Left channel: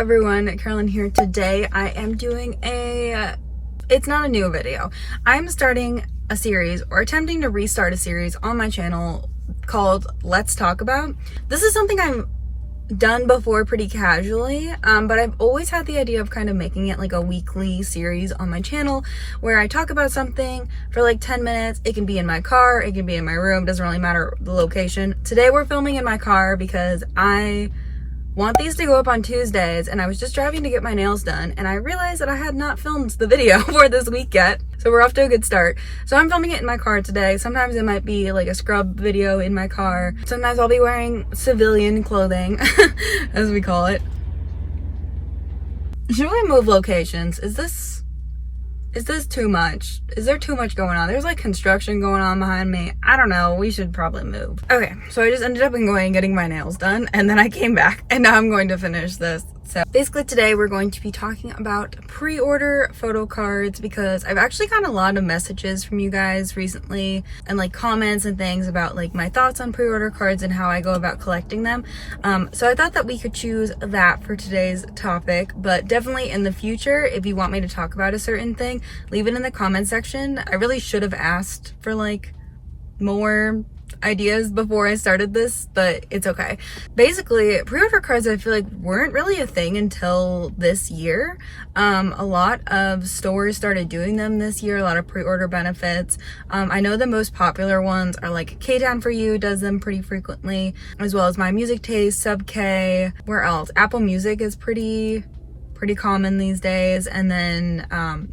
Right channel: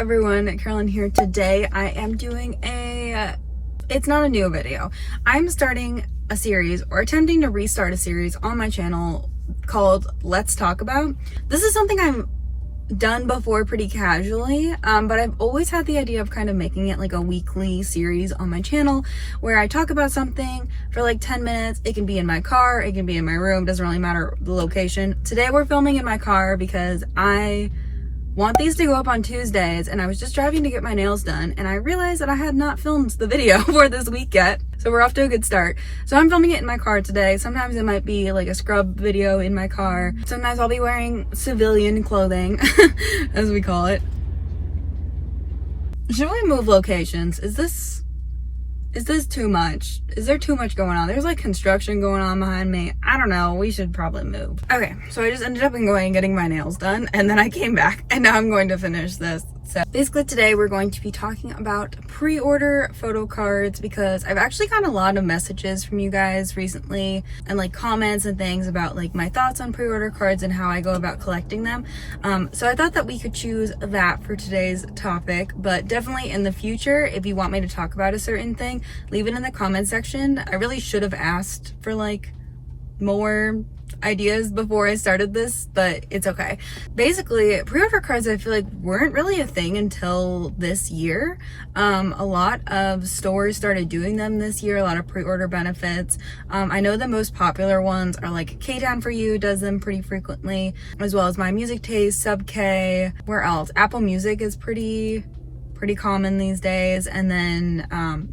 everyone, Carolyn here. Today I am doing it's not a new video. I'm starting a series, or attempting to restart a series on my channel called Let's Talk About. This is something I've done before pretty casually, but I've always had the idea of kind of making it like a weekly series on my channel where I talk about something for like 10 minutes. It can be in my car, it can be in my room, doesn't really matter the location. Today we're filming in my car because I want these to go up on Tuesdays, and I was just driving to get my nails done and I realized that I had not filmed the video for this week yet. So we're off to a good start. So I'm filming it in my car today. Sometimes it might be like a scrub video in my car. Sometimes I'll be wearing civilian clothing, as we call it. Should we move locations? Is this too much? Is there too much going on? There's like construction going on behind me. I don't know. We should probably move. Okay, so I just ended up going and getting my nails done, and then I came back and now I'm going to finish this. So basically today we're going to be talking about pre-order photo cards, because I've actually gotten a lot of messages from you guys recently and like comments and things about like my thoughts on pre-order cards and how I go about collecting them. So I thought that we could choose that for today's topic, but definitely in the future, if you want me to talk about a certain thing, leave it in the comment section. I really should have asked for like more ideas before I started this, but it's okay. Basically, pre-order cards I feel like weren't really a thing until this year. A lot of stores started doing them this year, a lot of pre-order benefits. I know the most popular ones are like Kpop for You does them pretty frequently, as well as My Music Taste, Sub K. Where else? Apple Music is pretty common these days, and then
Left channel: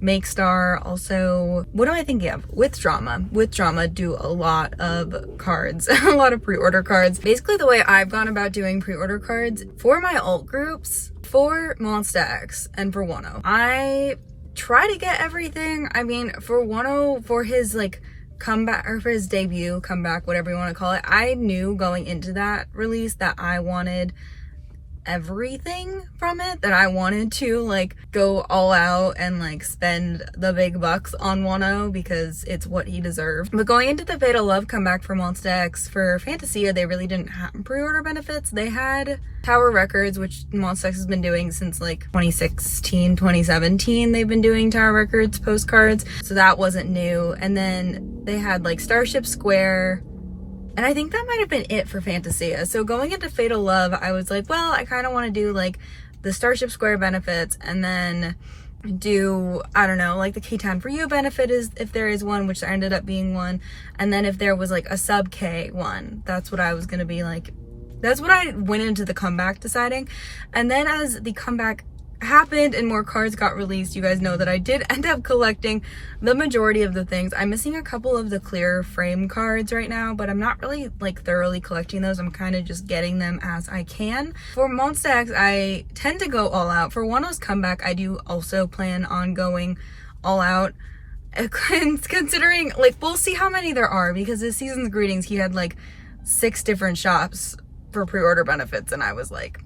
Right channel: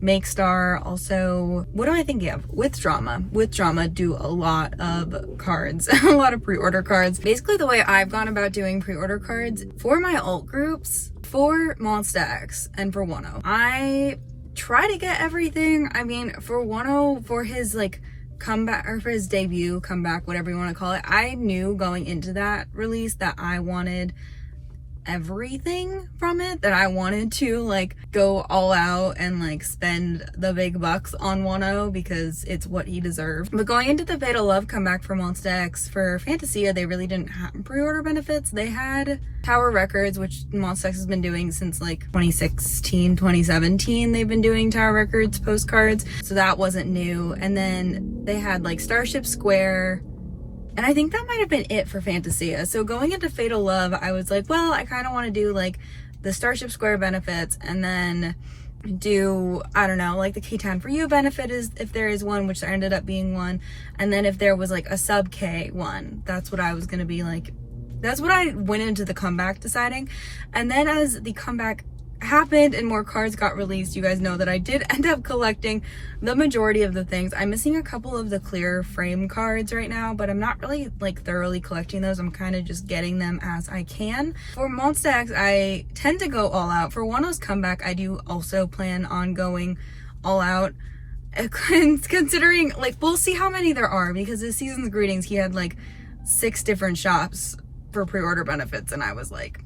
Make Star also. What am I thinking of? With Drama do a lot of cards, a lot of pre-order cards. Basically the way I've gone about doing pre-order cards for my alt groups, for Monsta X and for Wano, I try to get everything. I mean, for Wano, for his like comeback, or for his debut, comeback, whatever you want to call it, I knew going into that release that I wanted everything from it, that I wanted to like go all out and like spend the big bucks on Wano because it's what he deserved. But going into the Fatal Love comeback for Monsta X, for Fantasia, they really didn't have pre-order benefits. They had Tower Records, which Monsta X has been doing since like 2016, 2017. They've been doing Tower Records postcards, so that wasn't new. And then they had like Starship Square, and I think that might have been it for Fantasia. So going into Fatal Love, I was like, well, I kind of want to do like the Starship Square benefits, and then do, I don't know, like the Kpop for You benefit, is if there is one, which there ended up being one. And then if there was like a Sub K one, that's what I was going to be like. That's what I went into the comeback deciding. And then as the comeback happened and more cards got released, you guys know that I did end up collecting the majority of the things. I'm missing a couple of the clear frame cards right now, but I'm not really like thoroughly collecting those. I'm kind of just getting them as I can. For Monsta X, I tend to go all out. For Wano's comeback, I do also plan on going all out, considering like, we'll see how many there are, because this season's greetings, he had like 6 different shops for pre-order benefits, and I was like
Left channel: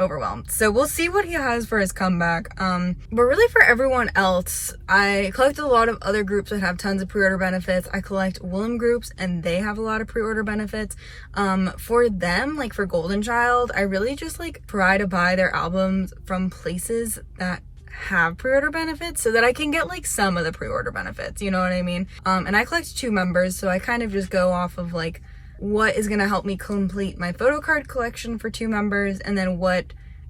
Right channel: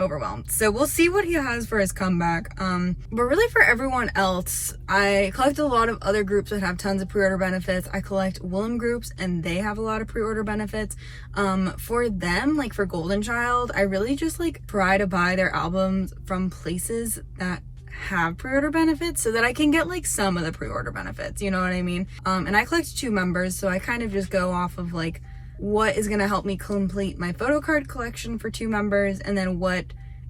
overwhelmed. So we'll see what he has for his comeback. But really for everyone else, I collect a lot of other groups that have tons of pre-order benefits. I collect Willem groups, and they have a lot of pre-order benefits. For them, like for Golden Child, I really just like try to buy their albums from places that have pre-order benefits so that I can get like some of the pre-order benefits, you know what I mean? And I collect 2 members, so I kind of just go off of like what is going to help me complete my photo card collection for 2 members, and then what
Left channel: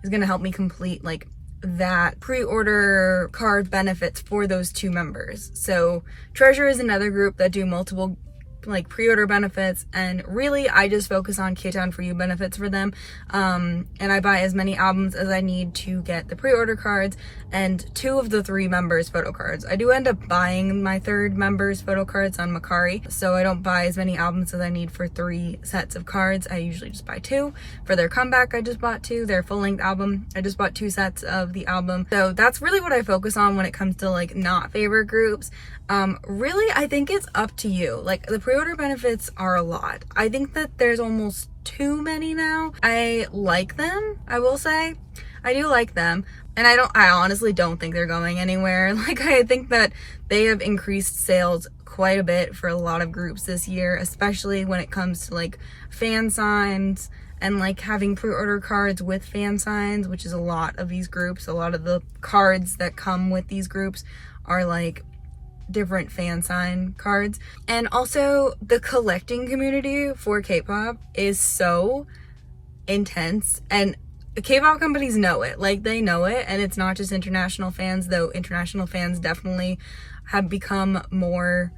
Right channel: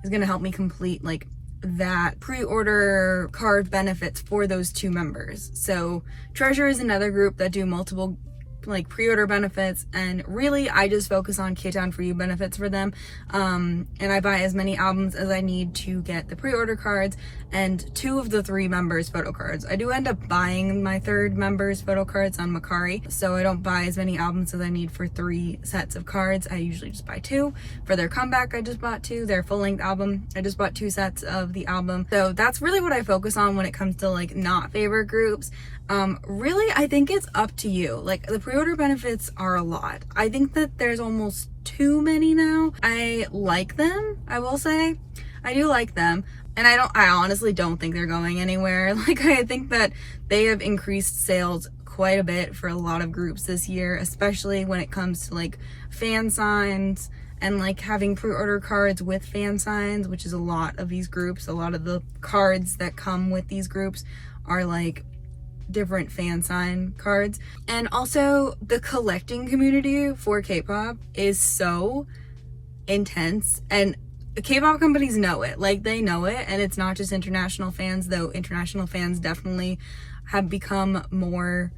is going to help me complete like that pre-order card benefits for those 2 members. So Treasure is another group that do multiple like pre-order benefits, and really I just focus on Kpop for You benefits for them. And I buy as many albums as I need to get the pre-order cards, and 2 of the 3 members photo cards. I do end up buying my 3rd member's photo cards on Macari, so I don't buy as many albums as I need for 3 sets of cards. I usually just buy 2. For their comeback, I just bought 2. Their full-length album, I just bought 2 sets of the album. So that's really what I focus on when it comes to like not favorite groups. Really, I think it's up to you. Like, the pre-order benefits are a lot. I think that there's almost too many now. I like them, I will say. I do like them. And I honestly don't think they're going anywhere. Like, I think that they have increased sales quite a bit for a lot of groups this year, especially when it comes to like fan signs and like having pre-order cards with fan signs, which is a lot of these groups. A lot of the cards that come with these groups are like different fan sign cards. And also the collecting community for K-pop is so intense, and K-pop companies know it. Like, they know it, and it's not just international fans, though international fans definitely have become more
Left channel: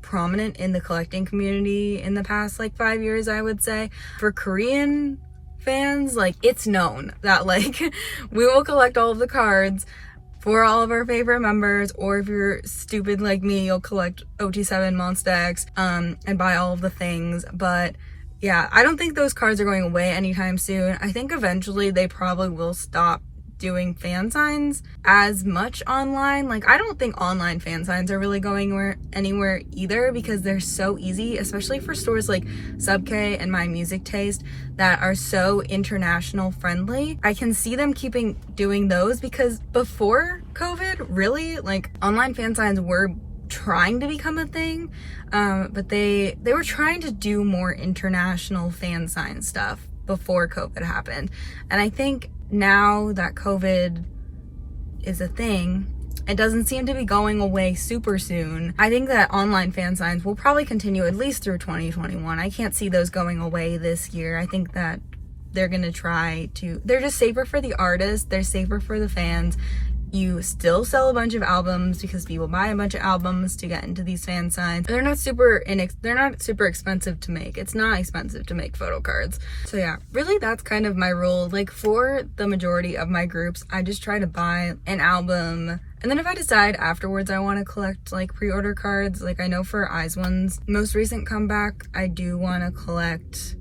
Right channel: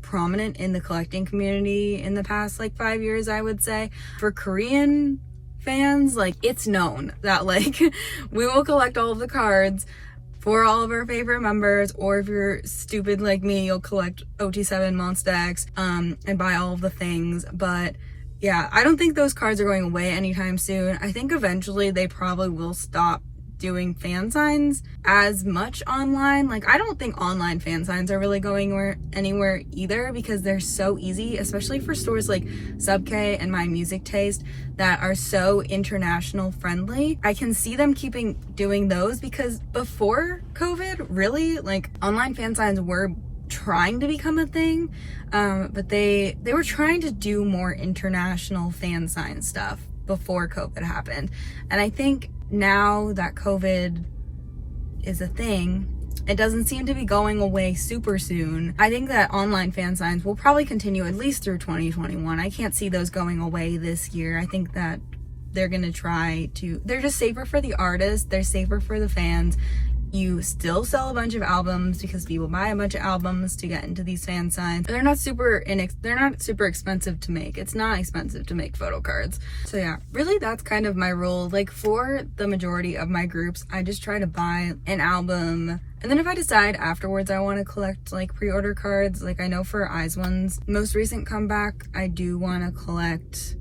prominent in the collecting community in the past like 5 years, I would say. For Korean fans, like, it's known that like we will collect all of the cards for all of our favorite members, or if you're stupid like me, you'll collect OT7 Monsta X and buy all of the things. But yeah, I don't think those cards are going away anytime soon. I think eventually they probably will stop doing fan signs as much online. Like, I don't think online fan signs are really going anywhere either, because they're so easy, especially for stores like Sub K and My Music Taste that are so international friendly. I can see them keeping doing those, because before COVID, really, like, online fan signs were trying to become a thing, but they were trying to do more international fan sign stuff before COVID happened. And I think now that COVID is a thing, it doesn't seem to be going away super soon. I think that online fan signs will probably continue at least through 2021. I can't see those going away this year. I think that they're gonna try to, they're just safer for the artists, they're safer for the fans. You still sell a bunch of albums because people buy a bunch of albums to get into these fan signs. They're not super expensive to make. It's not expensive to make photo cards. So yeah, really that's kind of my rule. Like, for the majority of my groups, I just try to buy an album, and then if I decide afterwards I want to collect like pre-order cards, like I know for IZ*ONE's most recent comeback, I do want to collect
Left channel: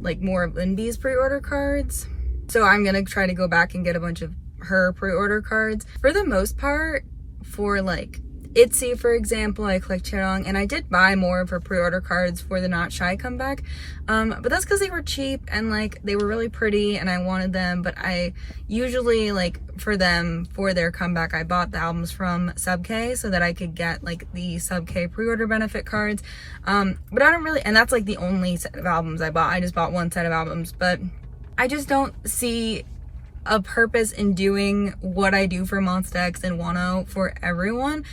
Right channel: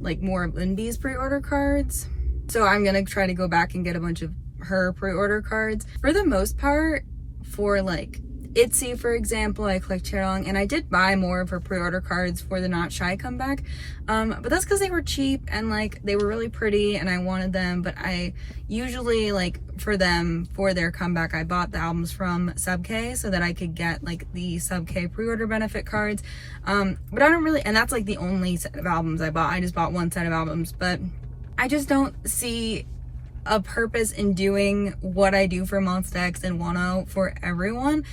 like more of Linby's pre-order cards. So I'm gonna try to go back and get a bunch of her pre-order cards. For the most part, for like ITZY, for example, I collect Chaeryeong, and I did buy more of her pre-order cards for the Not Shy comeback, but that's because they were cheap and like they were really pretty and I wanted them. But I usually, like, for them, for their comeback, I bought the albums from Sub K so that I could get like the Sub K pre-order benefit cards, but I don't really, and that's like the only set of albums I bought. I just bought one set of albums, but I just don't see a purpose in doing what I do for Monsta X and Wano for everyone.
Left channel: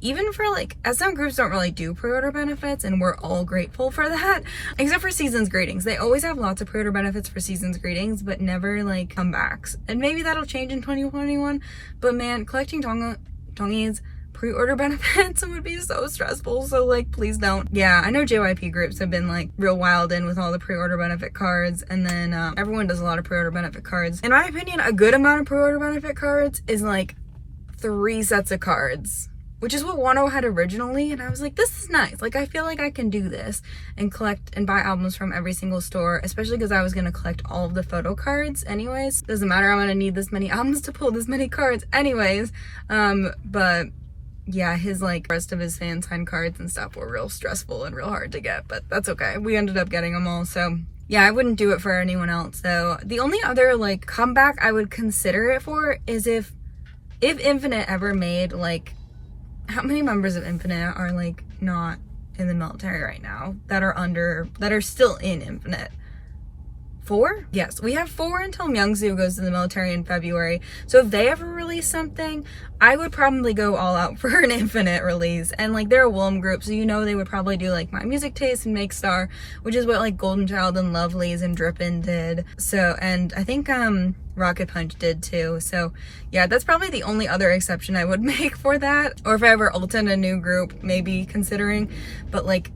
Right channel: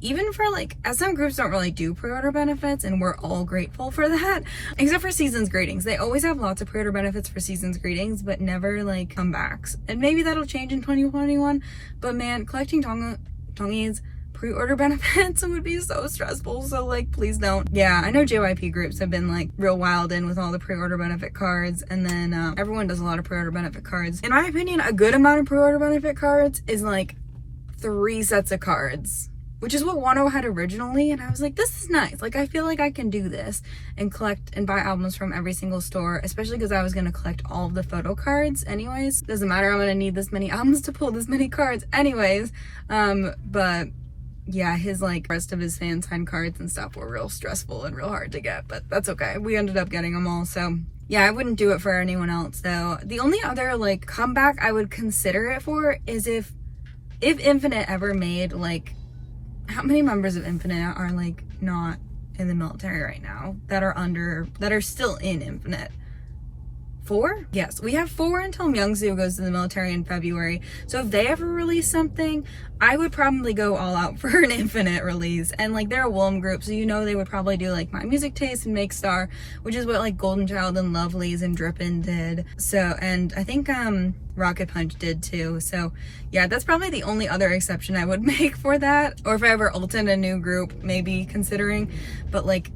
Even for like, SM groups don't really do pre-order benefits, and we're all grateful for that, except for Seasons Greetings. They always have lots of pre-order benefits for Seasons Greetings, but never like comebacks. And maybe that'll change in 2021, but man, collecting Tongyi's pre-order benefits would be so stressful, so like, please don't. Yeah, I know JYP groups have been like real wild in with all the pre-order benefit cards, and then everyone does a lot of pre-order benefit cards. In my opinion, a good amount of pre-order benefit cards is like 3 sets of cards, which is what Wano had originally, and I was like, this is nice. Like, I feel like I can do this and collect and buy albums from every single store, especially because I was gonna collect all of the photo cards anyways. Doesn't matter, I'm gonna need this many albums to pull this many cards anyways. But yeah, his like rest of his fan sign cards and stuff were real stressful and real hard to get, but that's okay. We ended up getting them all. So yeah, I wouldn't do it for anyone else though. The only other like comeback I would consider it for is if Infinite ever made, like, how many members of Infinite are like not in the military right now that are still in Infinite? 4? Yes, we have 4 until Myungsu goes to the military in February. So if they ever release something, I would probably go all out for an Infinite release. And like, they're a Wolm group, so you know they would probably do like My Music Taste and Make Star, which is what like Golden Child and Lovelyz and Drippin' did. So, and I think Rocket Punch did too. So yeah, that's probably the only other exception I would make for that. Or if I ever ult in a new group, maybe considering. But like,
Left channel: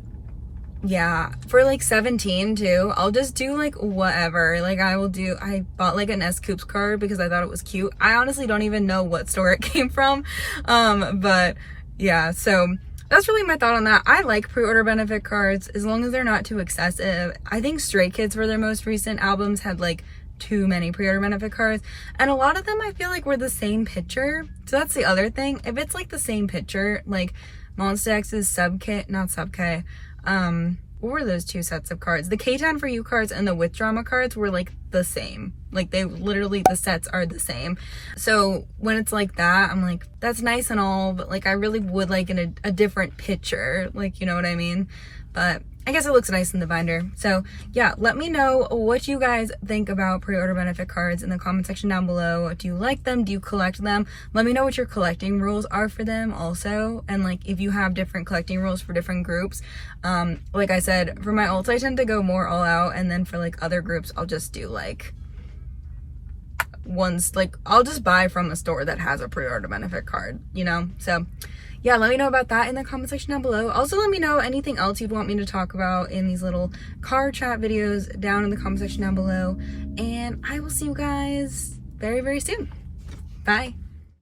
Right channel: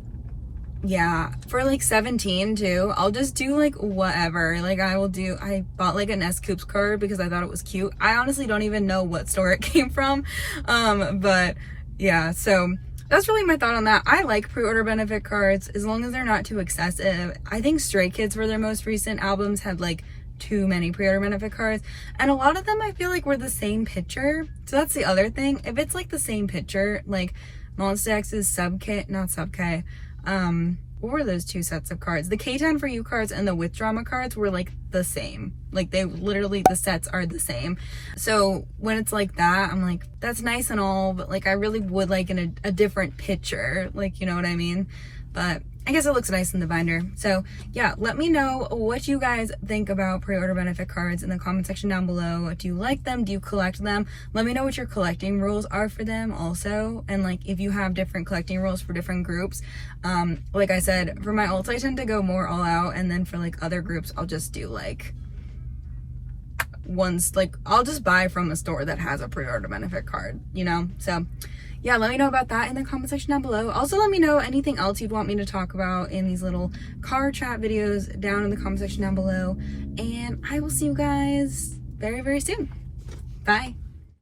yeah, for like 17 too, I'll just do like whatever. Like, I bought like an S-Coops card because I thought it was cute. I honestly don't even know what store it came from. But yeah, so that's really my thought on that. I like pre-order benefit cards as long as they're not too excessive. I think Stray Kids for their most recent albums had like too many pre-order benefit cards, and a lot of them I feel like were the same picture. So that's the other thing. If it's like the same picture, like Monsta X's not Sub K, what were those 2 sets of cards? The K10 for You cards and the With Drama cards were like the same. Like, they literally, the sets are the same. So when it's like that, I'm like, that's nice and all, but like, I really would like a different picture. Like, you know what I mean? but I guess it looks nice in the binder. So yeah, let me know what you guys think about pre-order benefit cards in the comment section down below. Do you like them? Do you collect them? Let me know what your collecting rules are for them also, and like if you have different collecting rules for different groups. Like I said, for my ults I tend to go more all out, and then for like other groups I'll just do like ones, like I'll just buy from a store that has a pre-order benefit card, you know? So yeah, let me know about that in the comment section down below. Also, let me know anything else you'd want me to talk about in these little card chat videos down in the comment section down below. And I will see you guys very, very soon. Bye.